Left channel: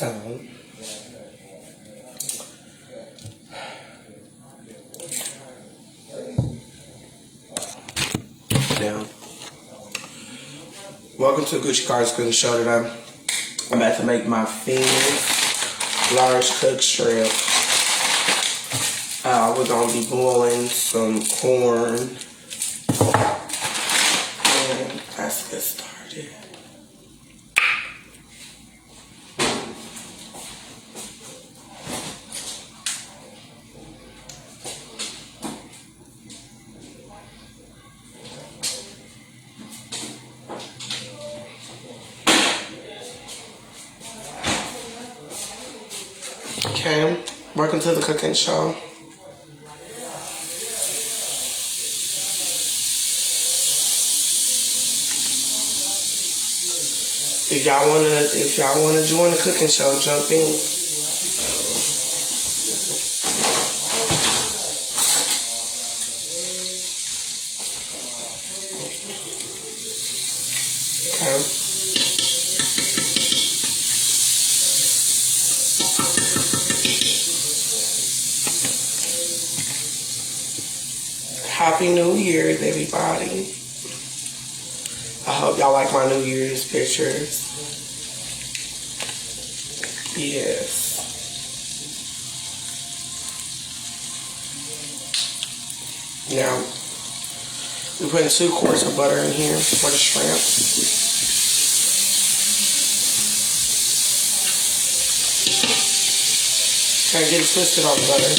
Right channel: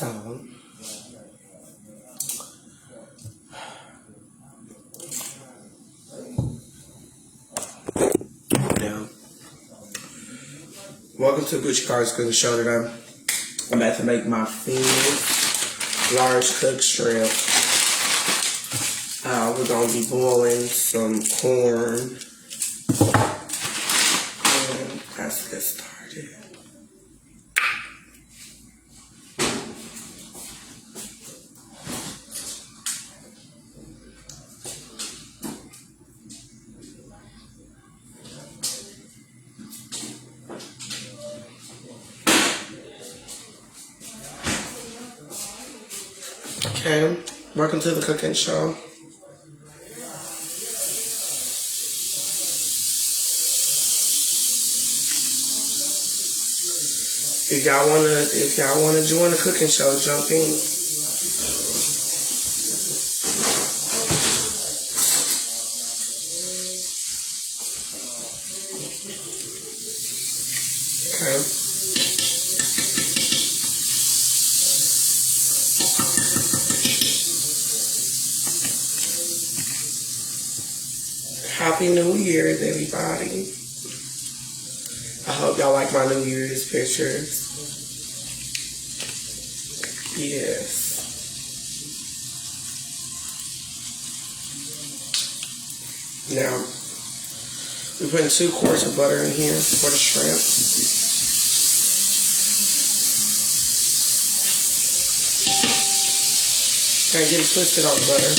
So, yeah. Welcome to Gucci Carter's Cooking Show today. I'm about to make my famous large cooked shrimp. We're going to be boiling some corn. And let's get started. Okay, welcome to the cooking show. If y'all wanna join the cooking show, jump in. Okay. Happy New Year's, everybody. I hope y'all like my New Year's pictures. Yes. Now, we're putting 2 quarts of butter in here for the shrimp. Okay, get it twisted on butter.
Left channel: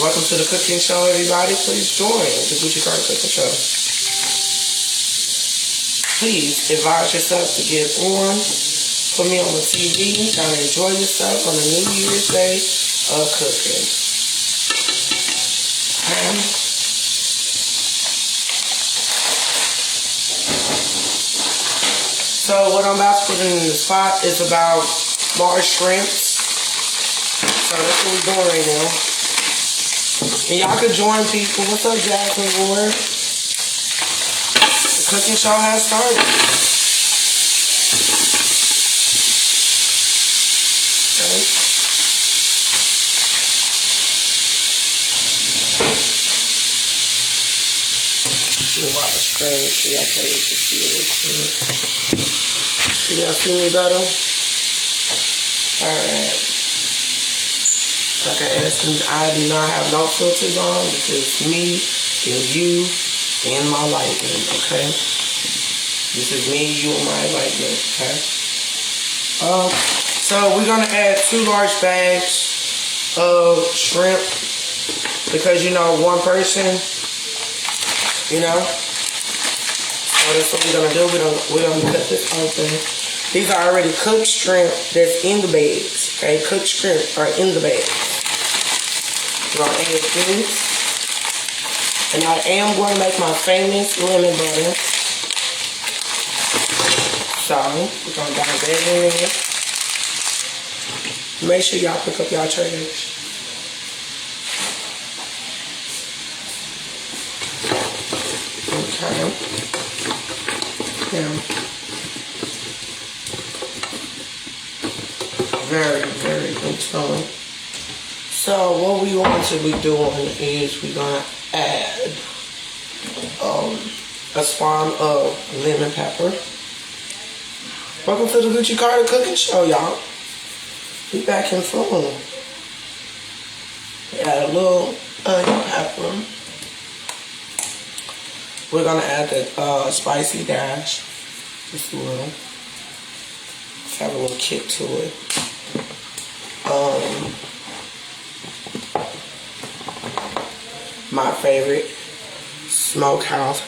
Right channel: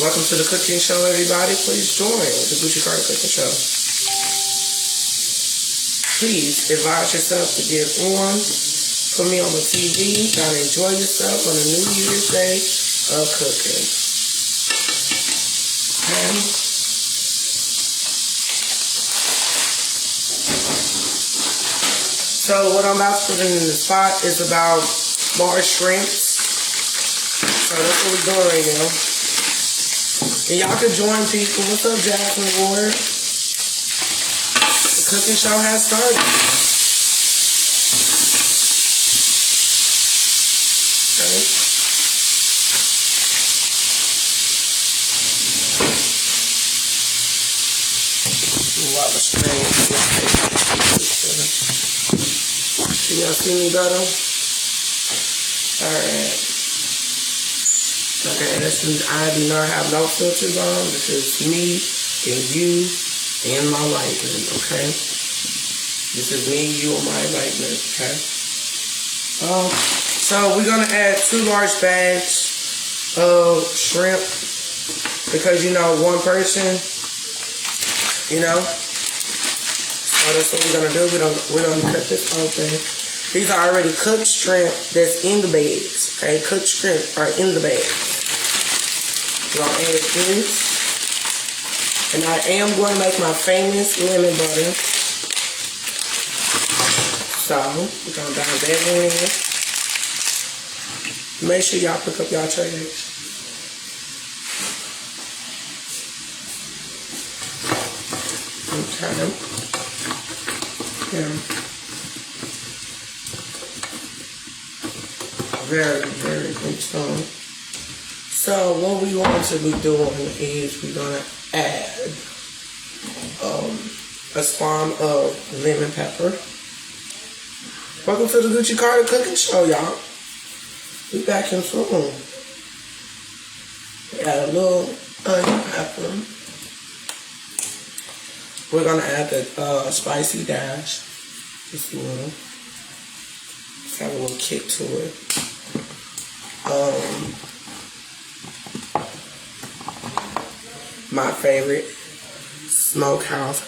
Welcome to the cooking show, everybody. Please join the Gucci Carter Cooking Show. Please advise yourself to get on. Put me on the TV. Try to enjoy yourself on the New Year's Day of cooking. So what I'm about to put in the pot is about large shrimp. So that's what we're doing right now. And y'all can join people. What's up, Jasmine Ward? The cooking show has started. Okay. See a lot of strings. Do y'all see me better? Alright. Like I asked me, I do not have no filters on because me and you and my lighting, okay? This is me, you, and my lighting, okay? So we're gonna add 2 large bags of shrimp because one person, So that's what we're gonna do. We're gonna cut this open. These are already cooked shrimp that's in the bags, okay? Cooked shrimp are in the bags. We're gonna add this. And I am going to make my famous lemon butter. So, we're going to dive that in. Make sure y'all pick up y'all trash. Okay. Yeah. Very, very good tone. So what we want to be doing is we're going to add a spawn of lemon pepper. Welcome to the Gucci Carter Cooking Show, y'all. We back in full. We add a little onion pepper. We're going to add the spicy dash. Just a little. Let's have a little kick to it. My favorite smokehouse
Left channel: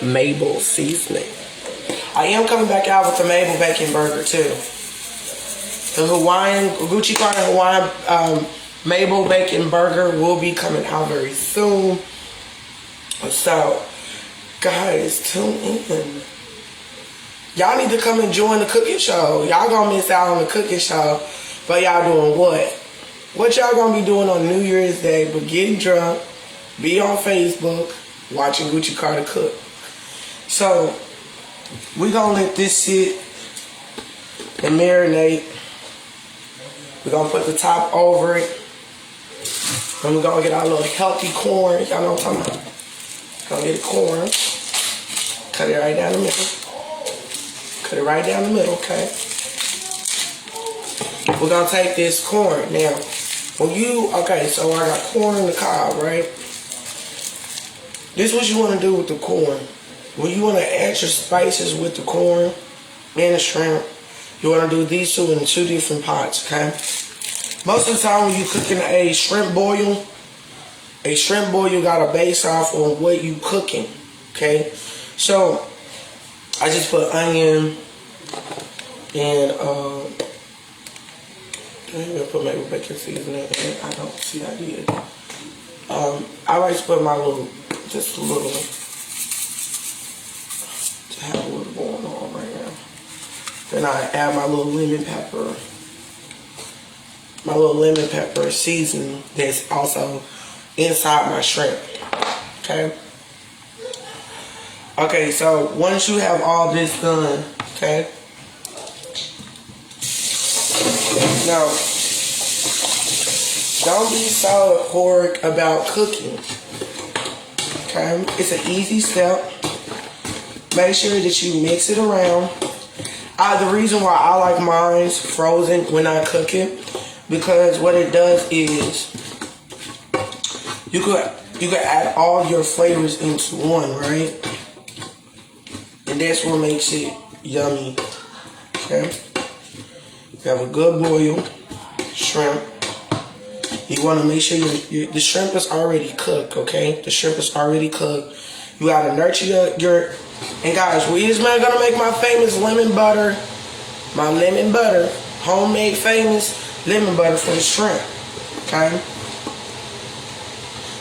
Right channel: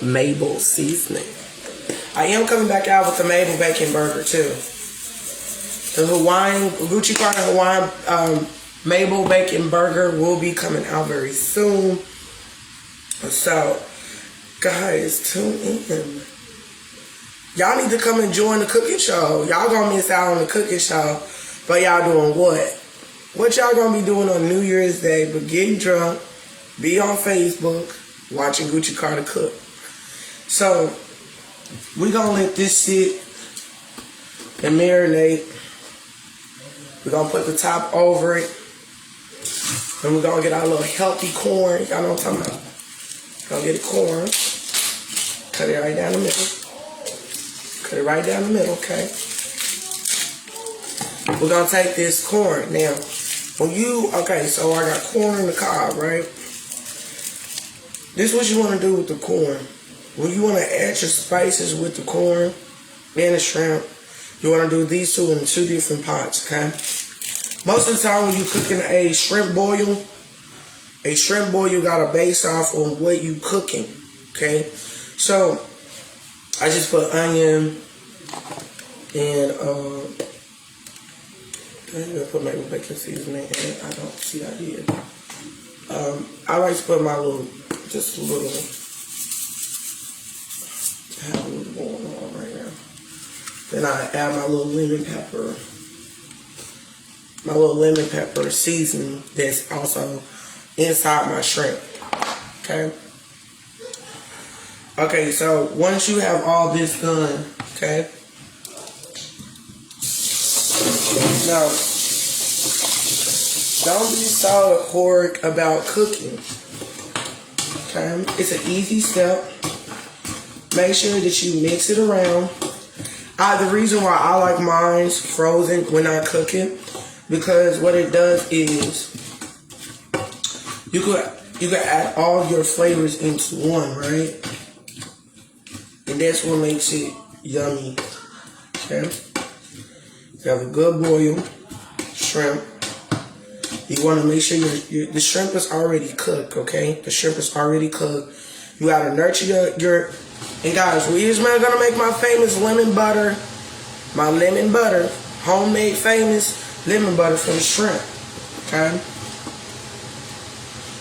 Mabel seasoning. I am coming back out with the Mabel bacon burger too. The Gucci Carter Hawaiian Mabel bacon burger will be coming out very soon. So, guys, tune in. Y'all need to come and join the cooking show. Y'all gonna miss out on the cooking show, but y'all doing what? What y'all gonna be doing on New Year's Day but getting drunk, be on Facebook, watching Gucci Carter cook. So, we're gonna let this sit and marinate. We're gonna put the top over it. And we're gonna get our little healthy corn. Y'all know what I'm talking about. Gonna get the corn. Cut it right down the middle. Cut it right down the middle, okay? We're gonna take this corn. Now, okay, so I got corn in the cob, right? This is what you wanna do with the corn. When you wanna add your spices with the corn and the shrimp, you wanna do these two in two different pots, okay? Most of the time when you're cooking a shrimp boil got to base off on what you cooking, okay? So, I just put onion and, I put maybe bacon seasoning in it. I don't see I did. I like to put just a little, to have a little going on right now. Then I add my little lemon pepper. My little lemon pepper seasoning that's also inside my shrimp. Okay? Okay, so once you have all this done, okay? Now, don't be so horrid about cooking. Okay? It's an easy step. Make sure that you mix it around. The reason why I like mine frozen when I cook it, because what it does is you could add all your flavors into one, right? And that's what makes it yummy. Okay? You have a good boil shrimp. You want to make sure the shrimp is already cooked, okay? The shrimp is already cooked. You gotta nurture your and guys, we just gonna make my famous lemon butter, homemade famous lemon butter for the shrimp, okay?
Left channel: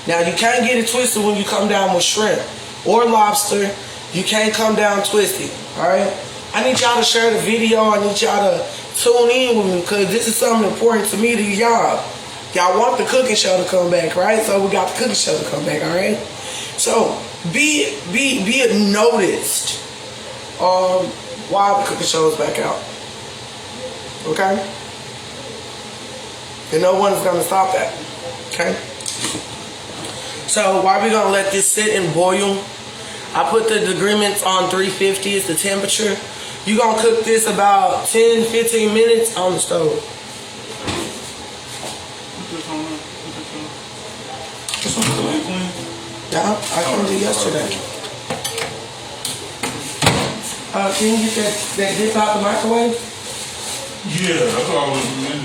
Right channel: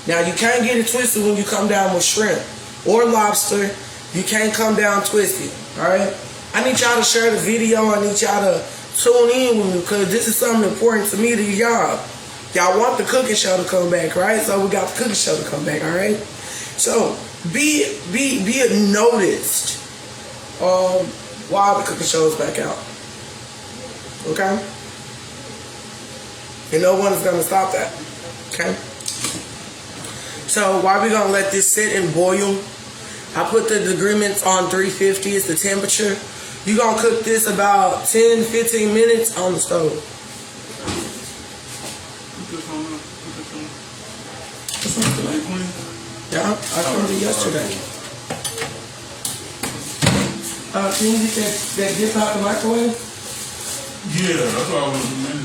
Now, you can't get it twisted when you come down with shrimp or lobster. You can't come down twisted, all right? I need y'all to share the video. I need y'all to tune in with me because this is something important to me, to y'all. Y'all want the cooking show to come back, right? So we got the cooking show to come back, all right? So be noticed while the cooking show is back out, okay? And no one is gonna stop that, okay? So while we're gonna let this sit and boil, I put the decrements on 350 is the temperature. You're gonna cook this about 10-15 minutes on the stove. Yeah, I cleaned it yesterday. Can you get that dip out the microwave? Yeah, that's what I was doing.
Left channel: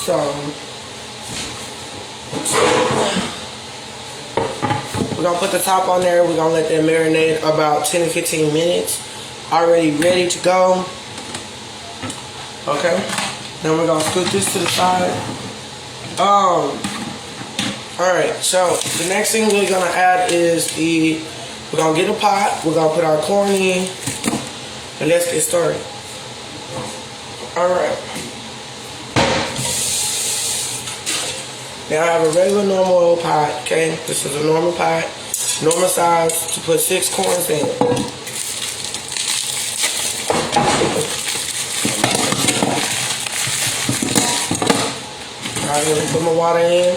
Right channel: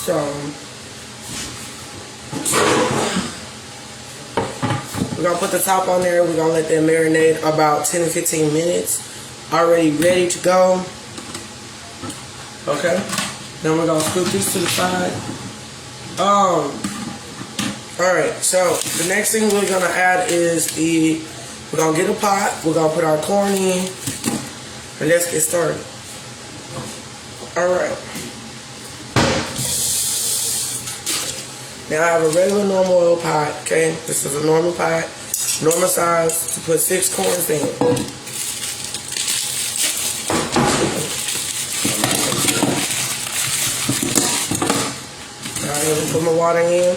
So, we're going to put the top on there. We're going to let that marinate about 10 to 15 minutes. Already ready to go. Okay. Then we're going to scoop this to the side. Alright, so the next thing we're going to add is we're going to get a pot. We're going to put our corn in. And let's get started. Alright. Now I have a regular normal old pot, okay? This is a normal pot, normal size, to put 6 corns in it. Alright, let me put my water in.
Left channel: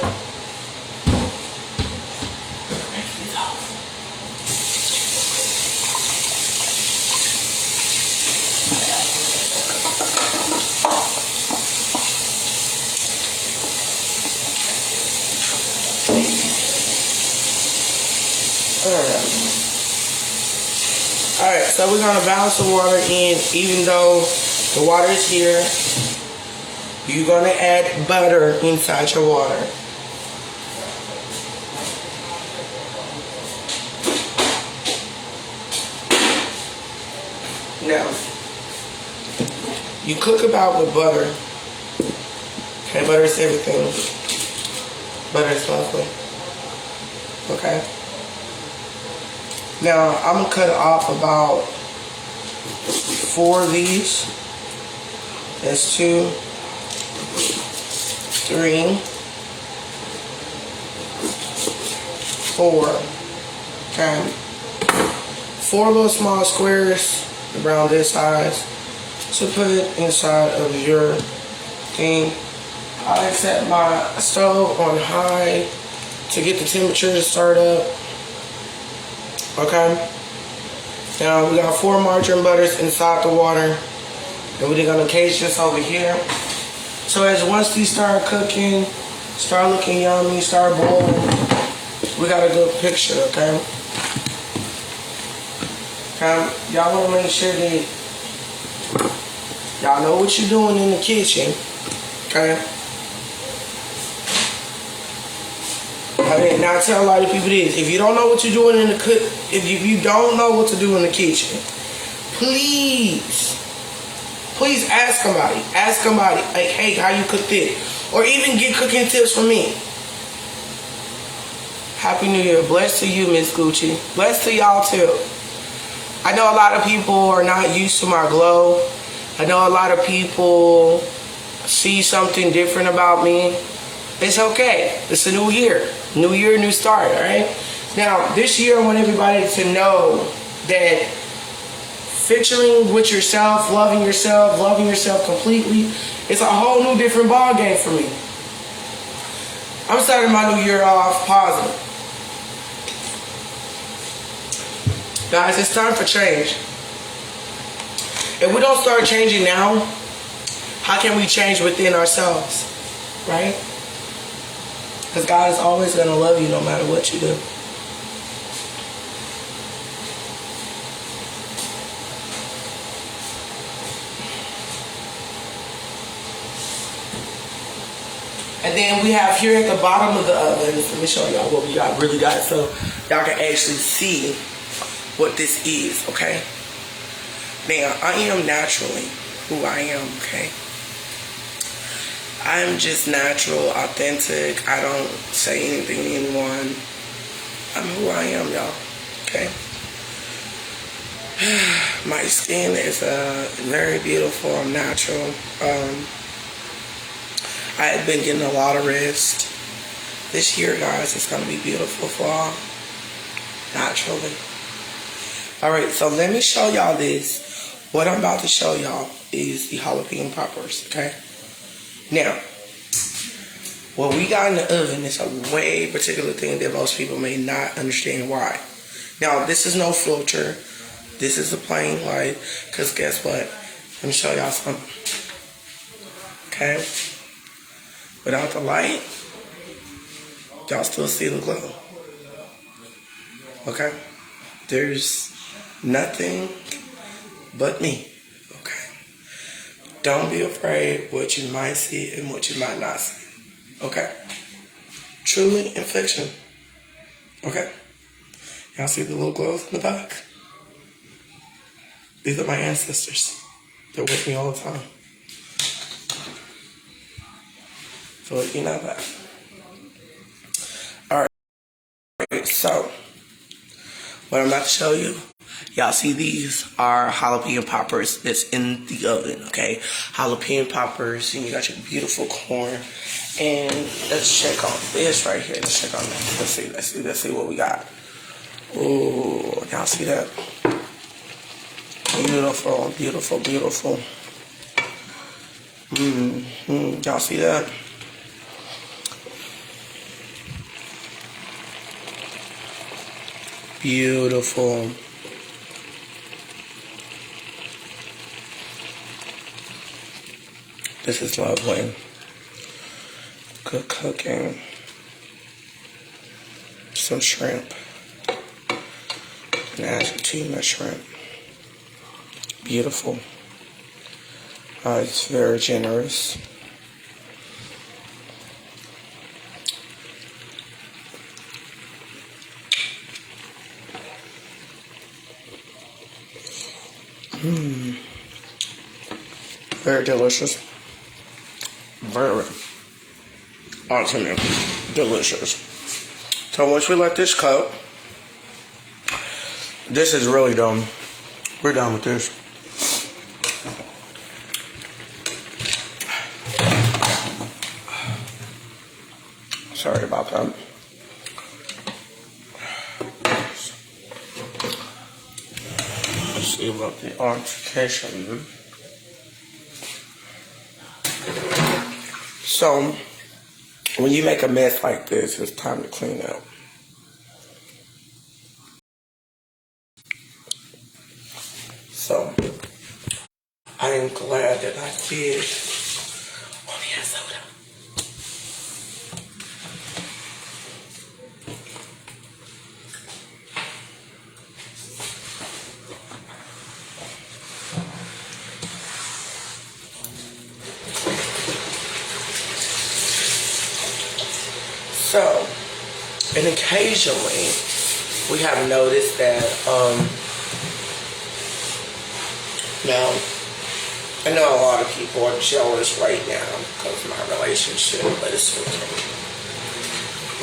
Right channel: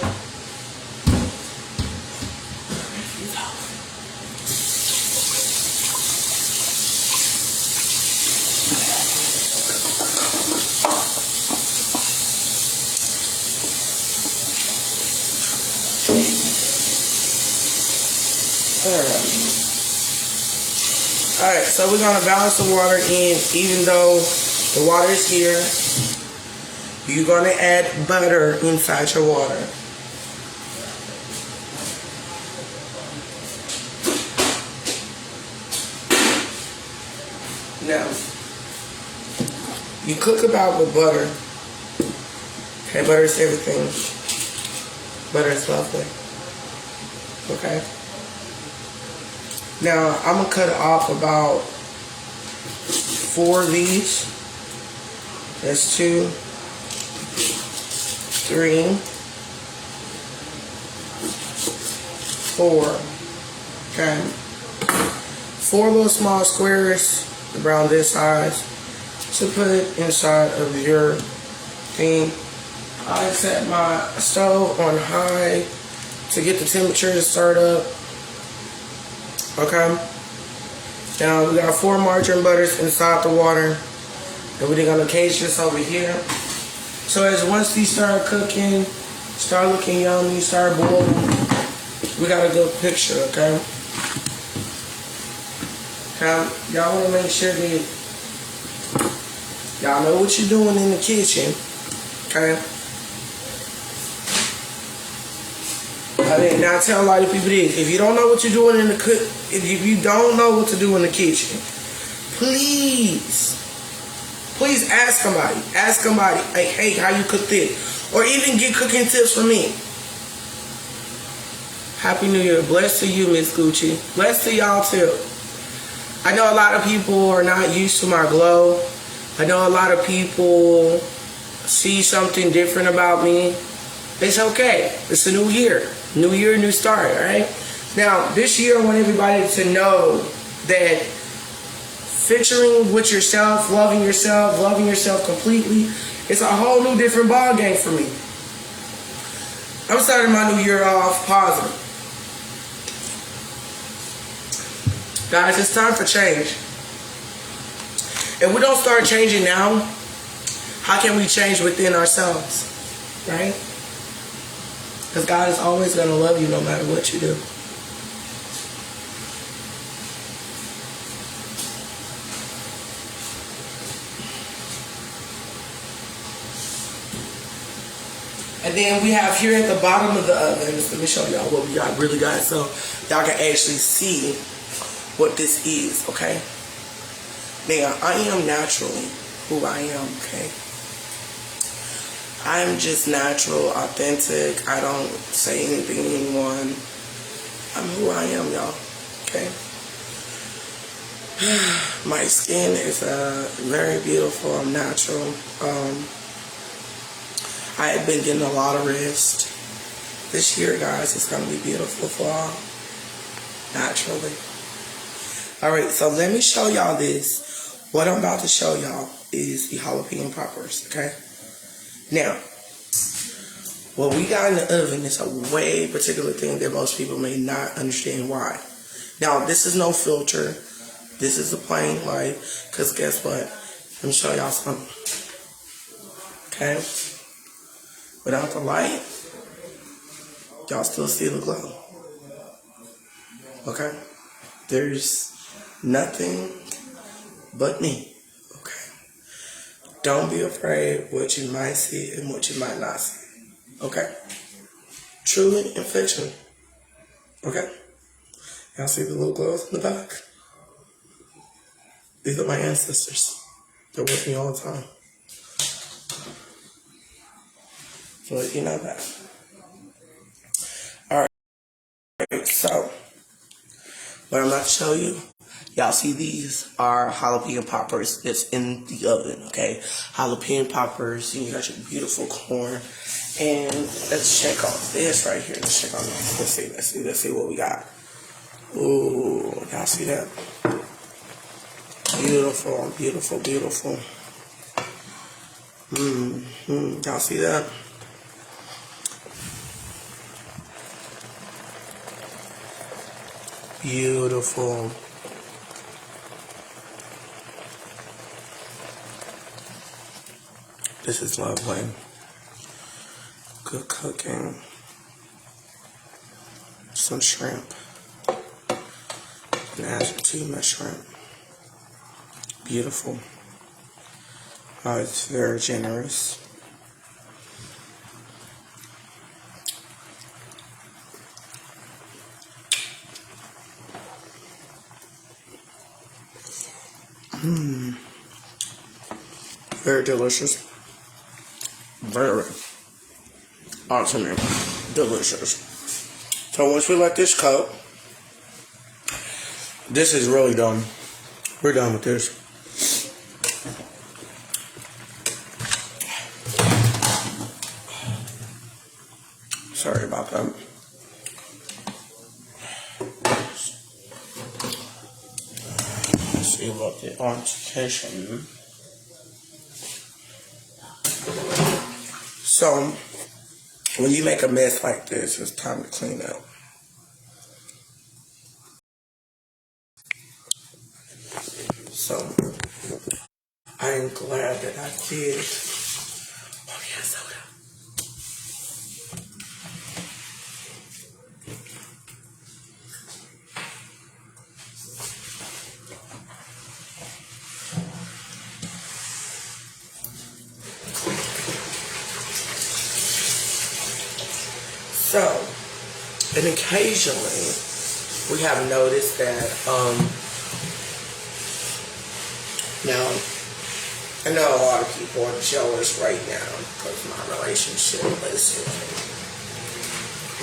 Alright, so we're going to balance the water in. Even though the water is here, you're going to add butter inside your water. Now, You cook about with butter. Okay, butter is everything. Butter is lovely. Okay. Now, I'm going to cut off about 4 of these. That's 2, 3, 4. Okay. 4 little small squares around this size to put inside of your thing. I set my stove on high to get the temperature to start up. Okay. Now we got 4 margarine butters inside the water. And we're gonna cage this over here. So as once these start cooking, start looking yummy, start boiling, we got a good picture, okay? Okay, y'all wanna make sure that y'all know what you're doing in the kitchen, okay? I did not tell a lot of people this. If you don't know what you're doing in the if you don't know what to do in the kitchen, please ask somebody. Ask somebody, like, hey, how you cook this? Or even get cooking tips from me. Happy New Year. Blessed to you, Miss Gucci. Blessed to y'all, too. I know a lot of people are not used to my glow. I know a lot of people see something different about me. It's okay. It's a new year. New year, new start, all right? Now, this year, I want everybody to know that featuring with yourself, loving yourself completely, it's a whole new different ball game for me. I'm starting my new year off positive. Guys, it's time for change. If we don't start changing now, how can we change within ourselves, right? Because God is always going to love you no matter what you do. And then we have here at the bottom of the oven, let me show y'all what we really got so y'all can actually see what this is, okay? Now, I am naturally who I am, okay? I'm just natural, authentic. I don't say anything to anyone. I'm who I am, y'all, okay? My skin is very beautiful. I'm natural. I have been getting a lot of rest. This year, guys, it's going to be beautiful fall. Naturally. Alright, so let me show y'all this. What I'm about to show y'all is the jalapeno poppers, okay? Now, what we got in the oven is a way particular thing that most people may not understand why. Now, this is no filter. This is the plain light. Because guess what? Let me show y'all something. Okay? Without the light, y'all still see the glow. Okay? There's nothing but me. Okay? Don't be afraid what you might see and what you might not see. Okay? Truly in fiction. Okay? Y'all see the little glows in the back? These are my ancestors. They're with me all the time. So you know that. Alright, so what I'm about to show you, y'all see these are jalapeno poppers that's in the oven, okay? Jalapeno poppers, and you got your beautiful corn. And let's check on this right here. Let's check on this. Let's see what we got. Ooh, y'all see that? Beautiful, beautiful, beautiful. Y'all see that? Beautiful. This is lovely. Good cooking. Some shrimp. And add some tuna shrimp. Beautiful. It's very generous. Very delicious. Very ultimate delicious. So once we let this coat, this is really done. We're done with this. Sorry about that. Let's see about the altercation. So, when you make a mess like this, it's time to clean up. So, I am glad that I did. Oh, yeah, soda. So, and occasionally, we have noticed that, now, I know a lot of people are jealous right now because of my relationship, but it's okay.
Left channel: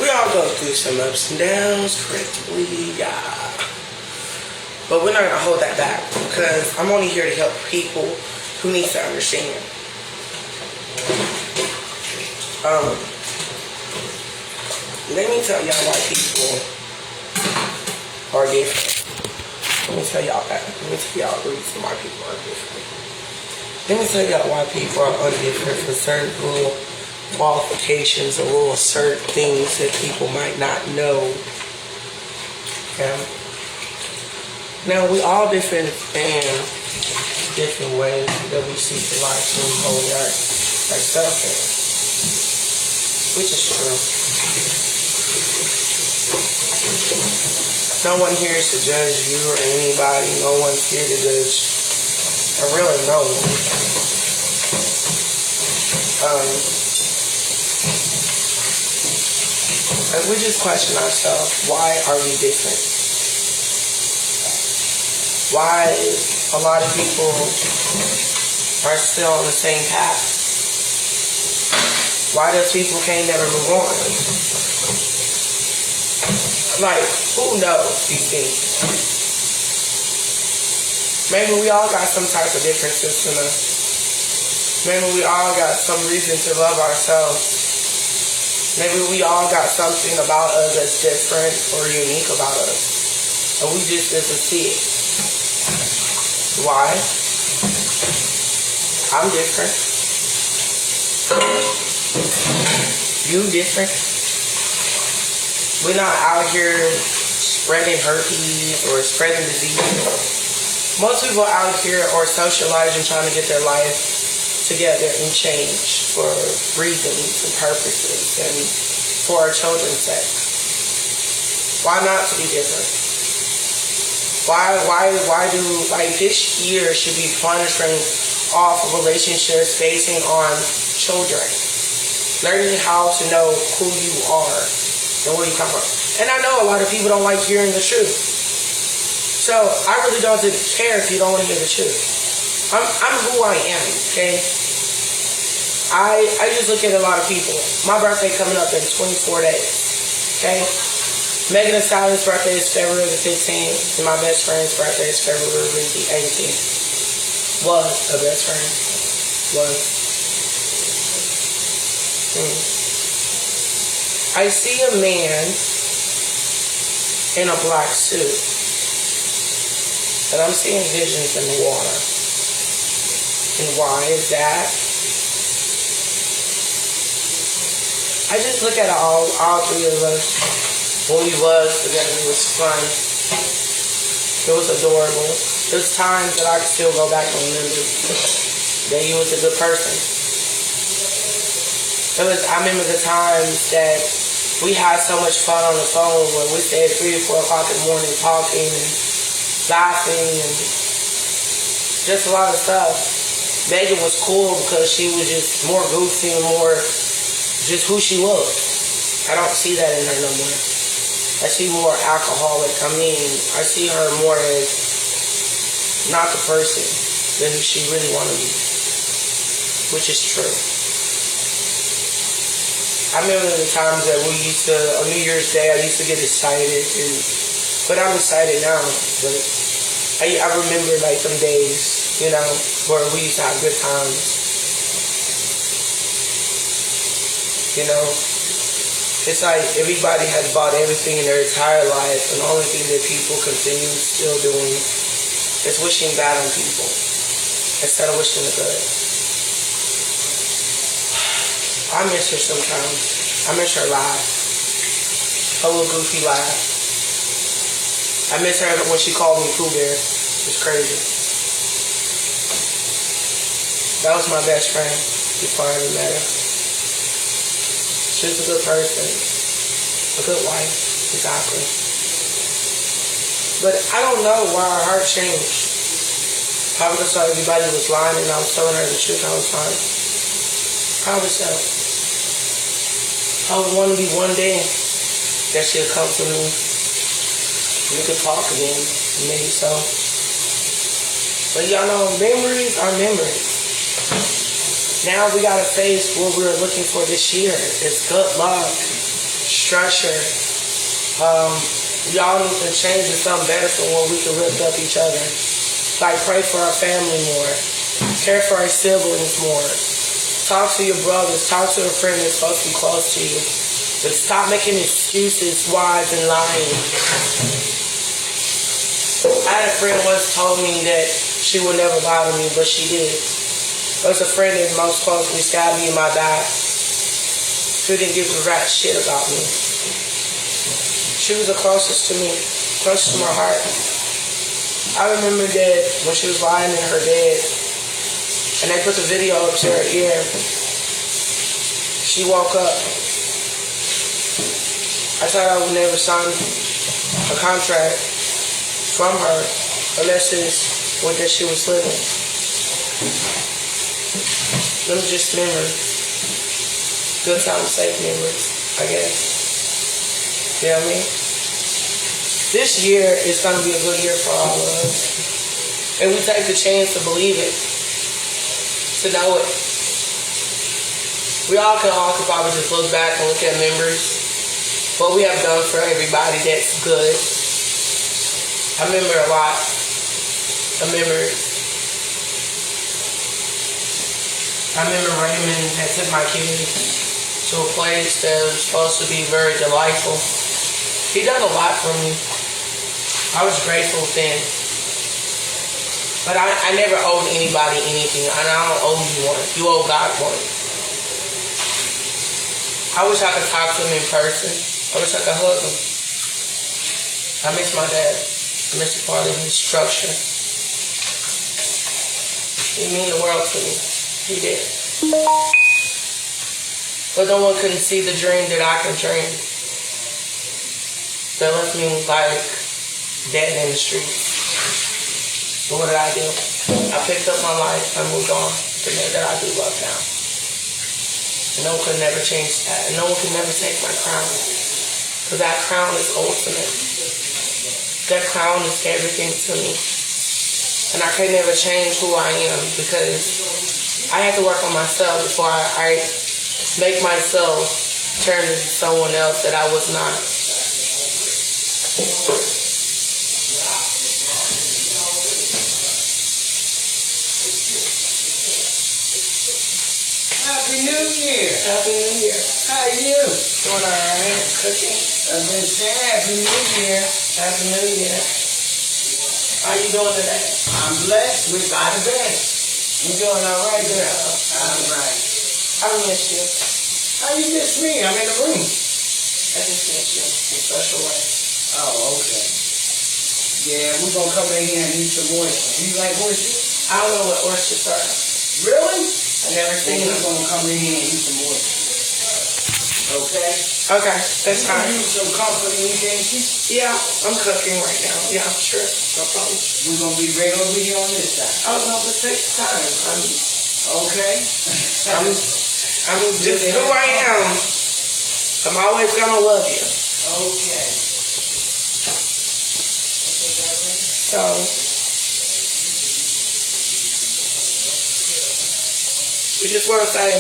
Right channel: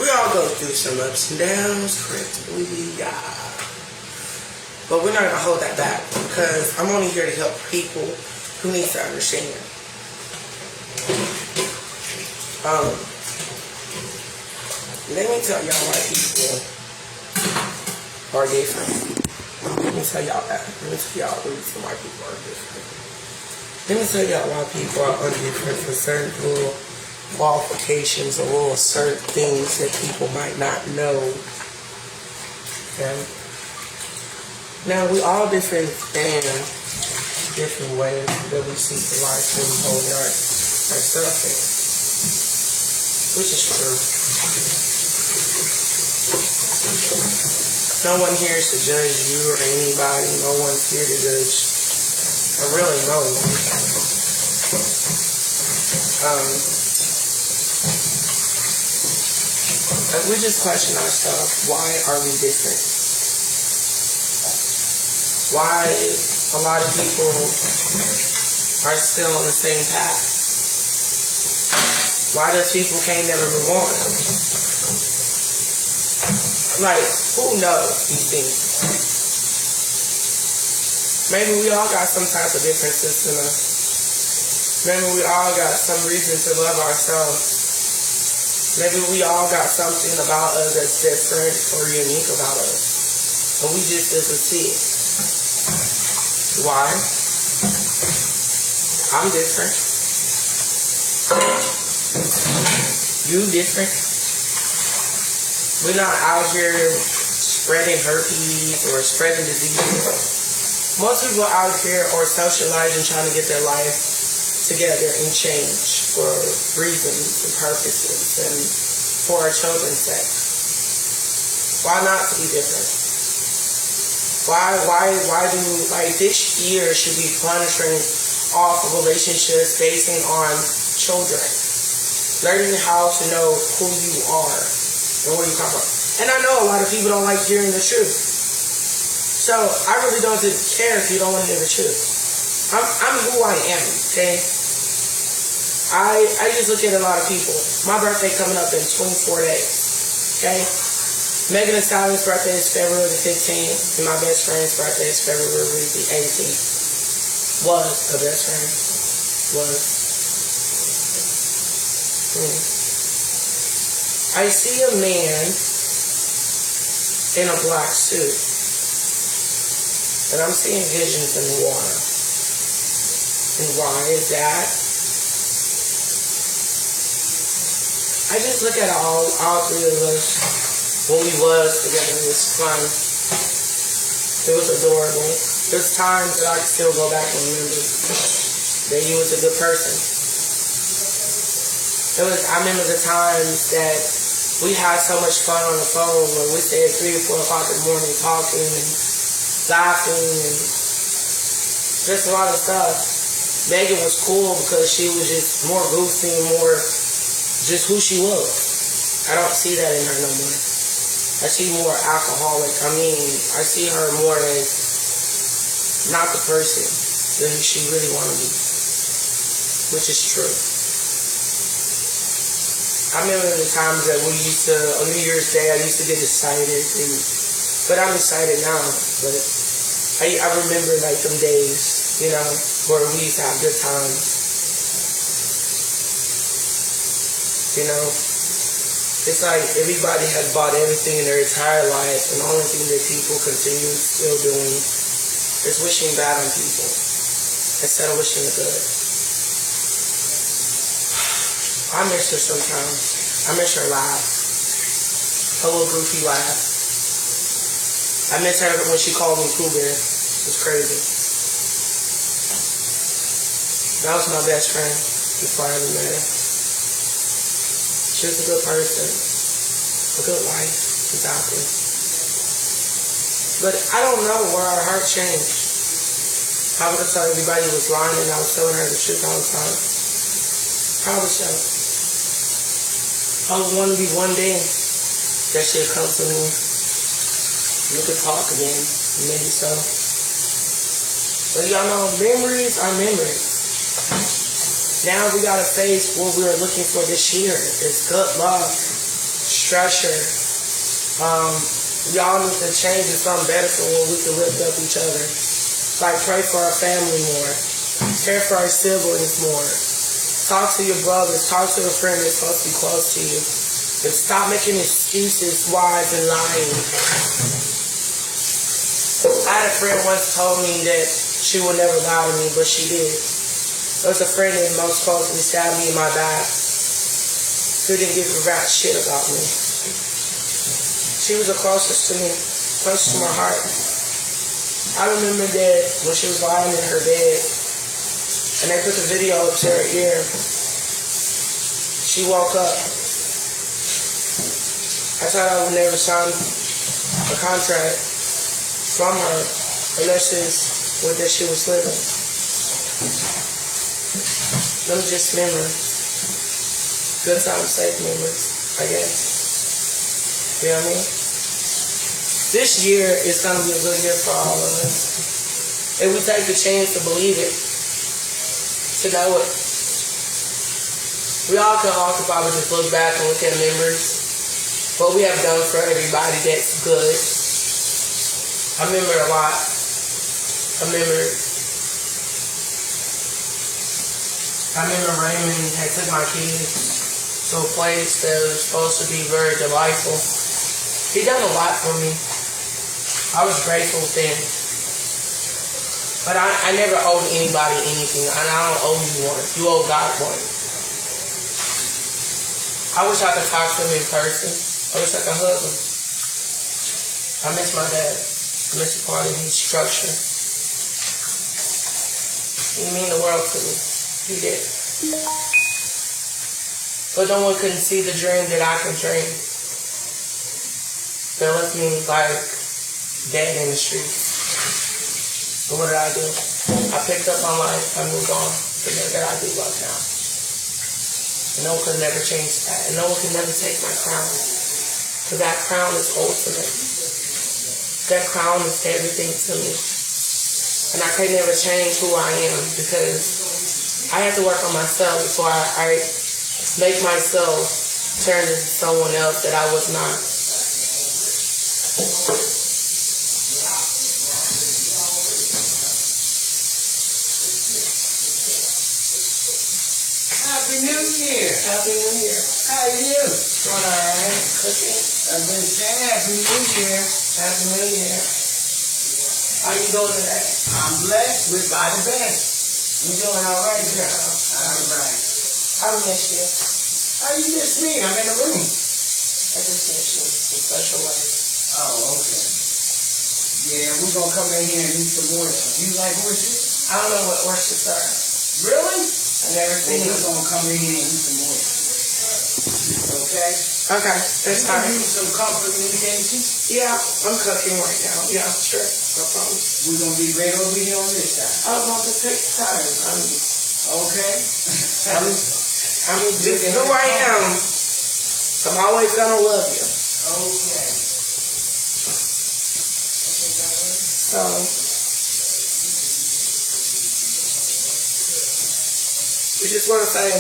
We all go through some ups and downs, correctly, yeah. But we're not going to hold that back because I'm only here to help people who need to understand. Let me tell y'all why people are different. Let me tell y'all that. Let me tell y'all the reason why people are different. Let me tell y'all why people are different for certain little qualifications or little certain things that people might not know. Okay? Now, we all different in different ways that we see the life and hold ourselves in. Which is true. No one here is to judge you or anybody. No one's here to judge. Really no one. Like we just question ourselves, why are we different? Why a lot of people are still on the same path? Why does people can't never move on? Like, who knows these things? Maybe we all got some type of differences in us. Maybe we all got some reason to love ourselves. Maybe we all got something about us that's different or unique about us. And we just doesn't see it. Why? I'm different. You different. We're not out here spreading herpes or spreading diseases. Most people out here are socializing, trying to get their life together and change for reasons and purposes and for our children's sake. Why not to be different? Why do, like, this year should be punishing off relationships basing on children. Learning how to know who you are and where you come from. And I know a lot of people don't like hearing the truth. So I really don't care if you don't want to hear the truth. I'm who I am, okay? I just look at a lot of people. My birthday coming up in 24 days, okay? Megan Thee Stallion's birthday is February the 15th, and my best friend's birthday is February the 18th. Was a best friend. Was. I see a man in a black suit, and I'm seeing visions in the water. And why is that? I just look at all three of us when we was together. It was fun. It was adorable. There's times that I can still go back and remember that you was a good person. I remember the times that we had so much fun on the phone when we stayed at 3 or 4 o'clock in the morning talking and laughing and just a lot of stuff. Megan was cool because she was just more goofy and more just who she was. I don't see that in her no more. I see more alcoholic. I see her more as not the person than who she really wanted to be. which is true. I remember the times that we used to, on New Year's Day, I used to get excited, but I'm excited now. But I remember like them days, you know, where we used to have good times. You know, it's like everybody has bought everything in their entire life, and the only thing that people continue still doing is wishing bad on people instead of wishing the good. I miss her sometimes. I miss her laugh. Her little goofy laugh. I miss her when she called me Pooh Bear. It's crazy. That was my best friend before I ever met her. She was a good person. A good wife. Exactly. But I don't know why her heart changed. Probably because everybody was lying and I was telling her the truth all the time. Probably so. I would want to be one day that she'll come to me. We could talk again, maybe so. But y'all know, memories are memories. Now we got a face where we're looking for this year. It's good luck, structure. Y'all need to change to something better for when we can lift up each other. Like pray for our family more. Care for our siblings more. Talk to your brothers. Talk to a friend that's supposed to be close to you. But stop making excuses, lies, and lying. I had a friend once told me that she would never lie to me, but she did. There was a friend that most closely stabbed me in my back who didn't give a rat shit about me. She was the closest to me, closest to my heart. I remember that when she was lying in her bed, and they put the video up to her ear. She woke up. I thought I would never sign a contract from her unless it's with that she was living. Them just memories. Good time, safe memories, I guess. You know what I mean? This year is going to be a good year for all of us. And we take the chance to believe it. To know it. We all can also probably just look back and look at memories. What we have done for everybody that's good. I remember a lot of memories. I remember Raymond had took my kids to a place that was supposed to be very delightful. He done a lot for me. I was grateful then. But I never owed anybody anything, and I don't owe you one. You owe God one. I wish I could talk to him in person. I wish I could hug him. I miss my dad. I miss a part of his structure. He meant the world to me. He did. But no one couldn't see the dream that I can dream. That left me like dead in the street. So what did I do? I picked up my life. I moved on to the man that I do love now. And no one could never change that. And no one can never take my crown. Because that crown is ultimate. That crown is everything to me. And I can never change who I am because I have to work on myself before I make myself turn into someone else that I was not. Happy New Year. Happy New Year. How are you? Doing all right? Cooking? I've been saying Happy New Year. Happy New Year. How you doing today? I'm blessed with by the best. You doing all right, girl? All right. I miss you. How you miss me? I'm in the room. I just miss you in a special way. Oh, okay. Yeah, we're going to come in here and eat some oysters. You like oysters? I don't know what oysters are. Really? I never seen We're them. going to come in here and eat some oysters. Okay? Okay, that's Can fine. you use some company, can't you? Yeah, I'm cooking right now. Yeah, sure. No problem. We're going to be right over here on this side. I'll have to take time. Okay? I'm just who I am. I'm always gonna love you. Okay. So We just want to say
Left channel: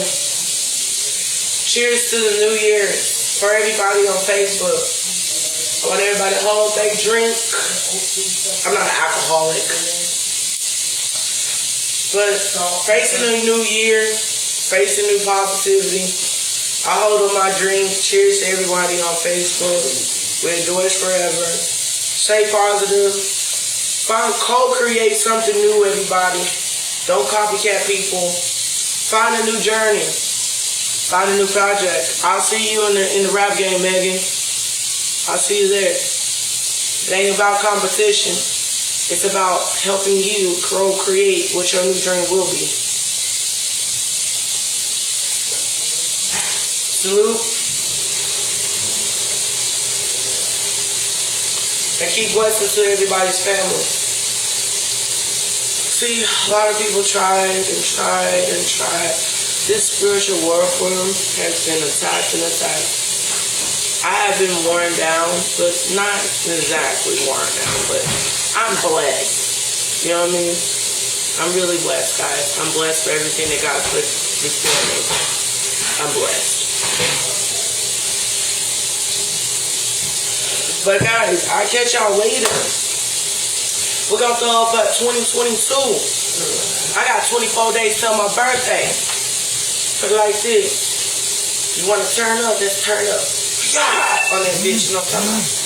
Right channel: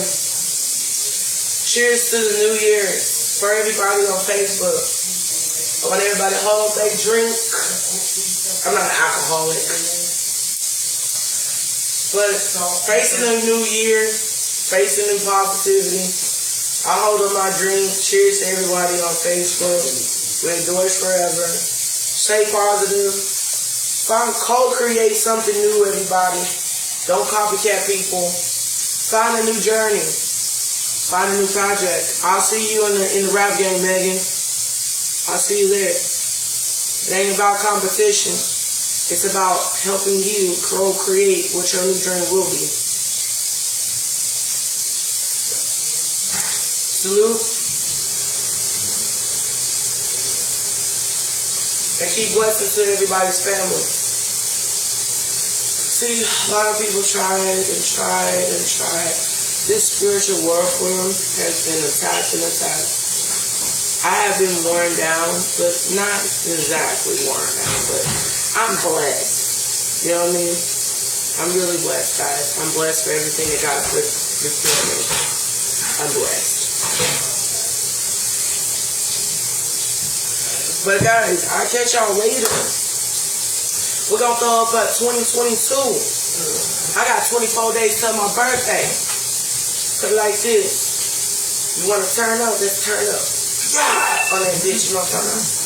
cheers to the new year for everybody on Facebook. I want everybody at home to take a drink. I'm not an alcoholic. But facing a new year, facing new positivity, I hold on my dreams. Cheers to everybody on Facebook. We enjoy this forever. Stay positive. Co-create something new, everybody. Don't copycat people. Find a new journey. Find a new project. I'll see you in the rap game, Megan. I'll see you there. It ain't about competition. It's about helping you create what your new dream will be. Salute. And keep blessings to everybody's family. See, a lot of people tried and tried and tried. This spiritual warfare has been attacked and attacked. I have been worn down, but not exactly worn down, but I'm blessed. You know what I mean? I'm really blessed, guys. I'm blessed for everything that God put before me. I'm blessed. But guys, I'll catch y'all later. We're going to throw up at 2022. I got 24 days till my birthday. Put it like this. You want to turn up? Let's turn up. Yeah! On that bitch, you know what I'm talking about?